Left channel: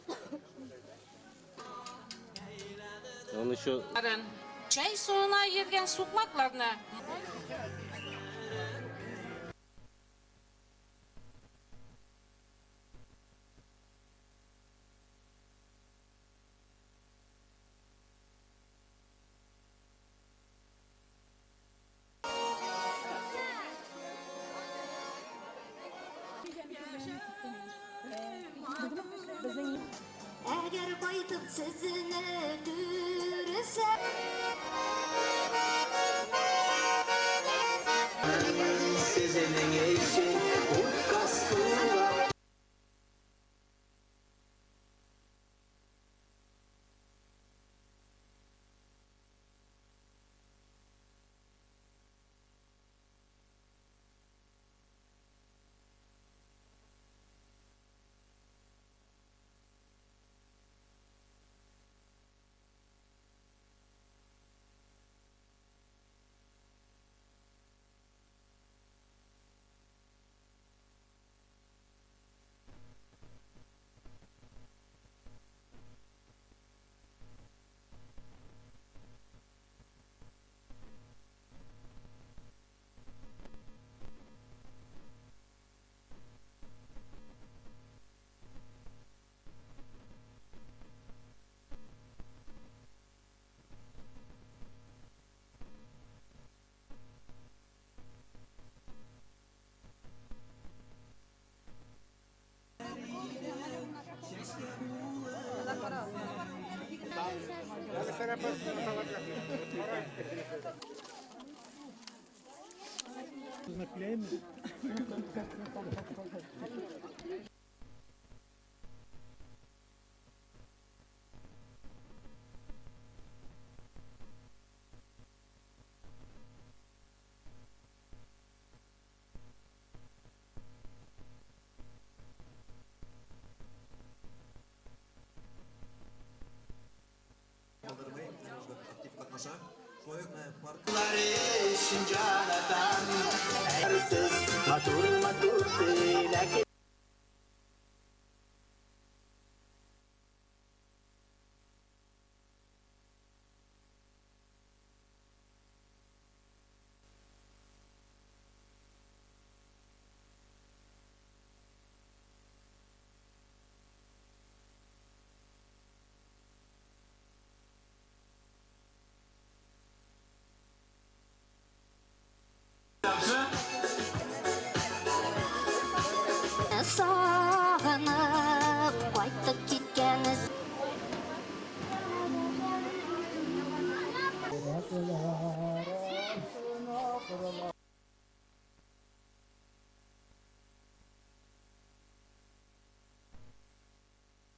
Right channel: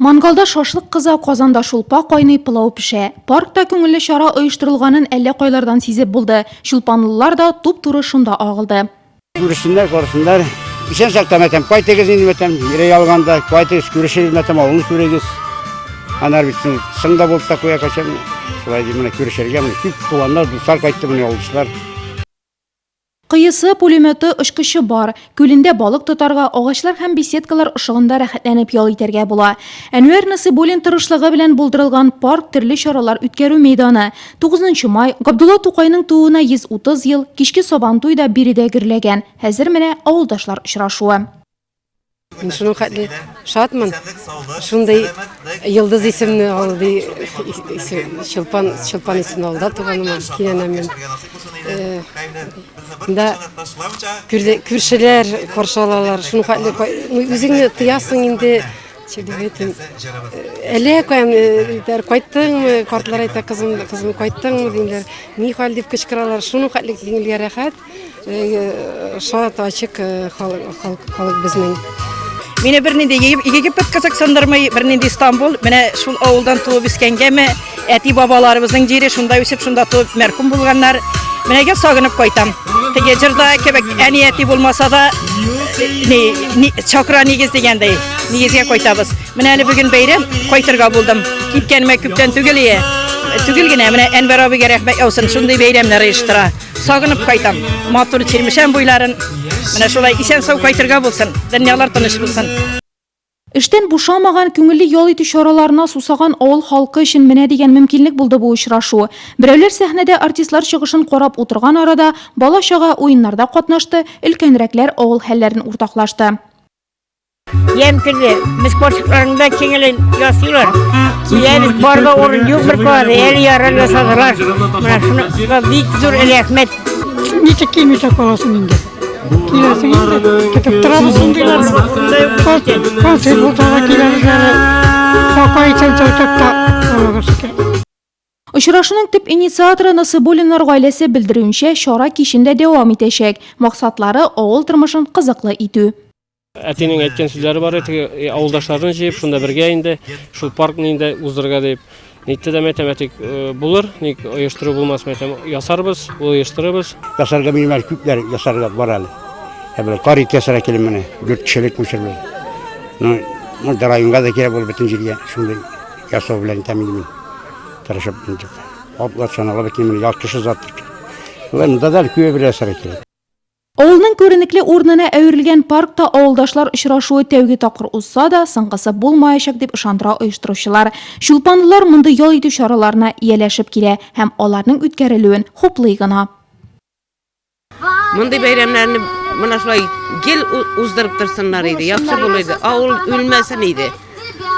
Мангалда шашлык кыза, казанда шулпа кайный, пылау пешә. Паркта күңелле чара оештырылганын әллә кайлардан сизеп булды. Шулпанлылар да туп-туры шунда агылды. Күрешсеннәр, карасыннар. Исән сакта мәтәм, кайтыгыз инде мәтәм. Йөрәй алганда, кайтыгыз, күрешегез мәтәм, авылны күрегез. Анар бит сыңда булып та куя качан. Шулай ди, менә күрешергә, менә күп туганнар, дуслар кайтты, менә авылчылар. Кыйысы пулеметы очкычы бар. Күлендә балык тотарга, агачлар һәм беседкалар ышыгында рәхәтләнеп ял итәргә була. Әнвәр Насыйбуллин тырышлыгы белән булдырылган парк төрле чаралар үткәрү мәйданы. 9 май Габдулла Тукайның тууына 130 ел, кичке Сабантуй да биредә гөрләгән. Хәзер менә авылдашлар очрашуы. Мин шуның хәтле шатмын. Шундай Йылдыз исемне алды, Чулпан исемне алды туганыма, кинәнәмен. Да күршеләр каршылалар. Шуның хәтле үзеңне тыясың инде. Әле кайттыңмы, картлар әйтә, кызым кайттыңмы диләр. Ни хәл дип кычкыралар. Шуның хәтле киңелгә рәхәт. Шат ачык халык безнең. Мені бірненде Египет Казахстандырмай, бірненде Истанбул, мені шул ауылдан туып өскенгеме, әти бабаларыбыздың жері шунда өсіп, шунда туып мәрхүм болғандар, менеге сағынып қойтам. Теге жырда кебек әни әти болмаса да, чакра негіз дегендей, негізге қойтабыз. Мен әлі бүгін бәйрем қойтырға болдым. Кеткеніме көптен түгілие. Түгілгіне, мені Әнвер абыға рәхмәт яусын, шундай бәйремлер иштыра. Сағынып қойтам. Матур чермешен буйларын, мені шулай исән сау қойтырға болсын, дөньялар тыныш болсын. Эштән бушамаган күңелле ял итү чараларына сусаган авыл халкы өчен менә дигән мөмкинлек булды бу очрашу. Берәүләр сәхнәдә артистлар чыгышын карап утырган арада бала-чага уеннарда катнашты, өлкәнрәкләр авыл хәлләрен уртаклашты. Yeмкinde, biz sporçlarında kengelen yasıyorlar. Biz barga orun yok bir kadar, el yarar yasadılar. Bana şuna büyük zor el Ahmet. Niçin kimse kalasın indi? Kilasın indi. Ketip durabısın diyorlar. Konser bultağa kilasın. Kakayı sen çocukta. Очрашуның төп инициаторы Насыйбуллиннар гаиләсе белдерүенчә, чара кичендә дәвам итәчәк. Максатлары авыл тормышын кызыклы итү. Әтенең әйткән сүзләре бар иде, авылдашларын җыеп, шунда бергә инде, шул паркны инде уздырырга дип. Нитте дә математик булыр, ник оештыру булмас матем ясарбыз, оештырыбыз. Ясарга минем күпләр ясарга бар әле. Әбел карит ясара килем менә, 4 кешелек мөшәрләр. Ну, районга да кирәк булып бөтен җиргә шундай ясау белән тәмин тырышып инде. Атлар чанала бөтен ял кеше заттыр. Монда да күп бер ясара кирәк. Авылның күренекле урынына әверелгән паркта авылдашлар очрашуы тәүге тапкыр узса да, соңгысы булмаячак дип ышандыра оештыручылар. Шулпанлылар монда ял итү чараларына ияләшеп килә һәм аларның үткәрелүен хуплый гына. Мондай бәйрәмнәрне менә шулай гел уздырып торсыннар иде, яхшы булыр. Авыл үлмәсен иде.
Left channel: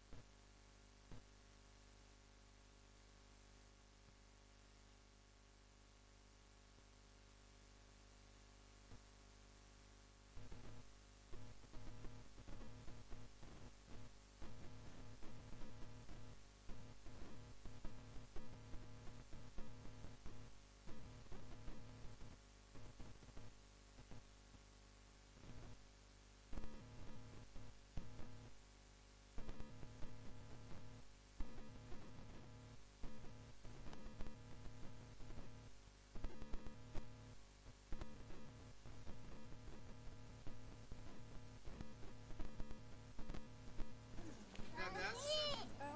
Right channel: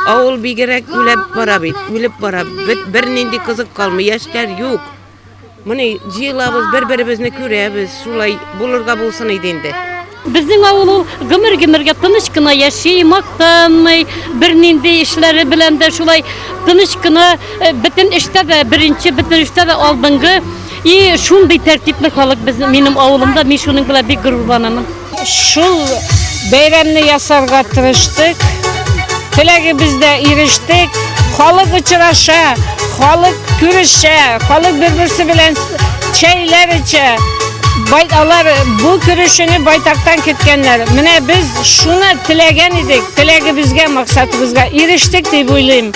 Авыл бигрәк үлеп бара бит, үлеп бара. Бернинди кызык калмый, яшьләр юк. Менә җыелабыз, бер-беребезне күрәбез, шулай булырга булсын иде инде. Безнең авыл гомер-гомергә тыныч кына яши, мактанмый, бернинди эшләре белән дә шулай тыныч кына, бөтен эштә дә беренче, бөтен эштә дә алдынгы. И шундый тәртипле халык минем авылымда, мин шуның белән бик горурланам. Шул бәйрәмне ясарга тырыштык, теләгебездә ирештек, халык очраша, халык күрешә, халык бер-берсе белән чәйләр içә. Алар бу күрешүне байтактан көткәннәр. Менә без шуны теләгән идек, теләгебезгә, максатыбызга ирештек дип уйлыйм.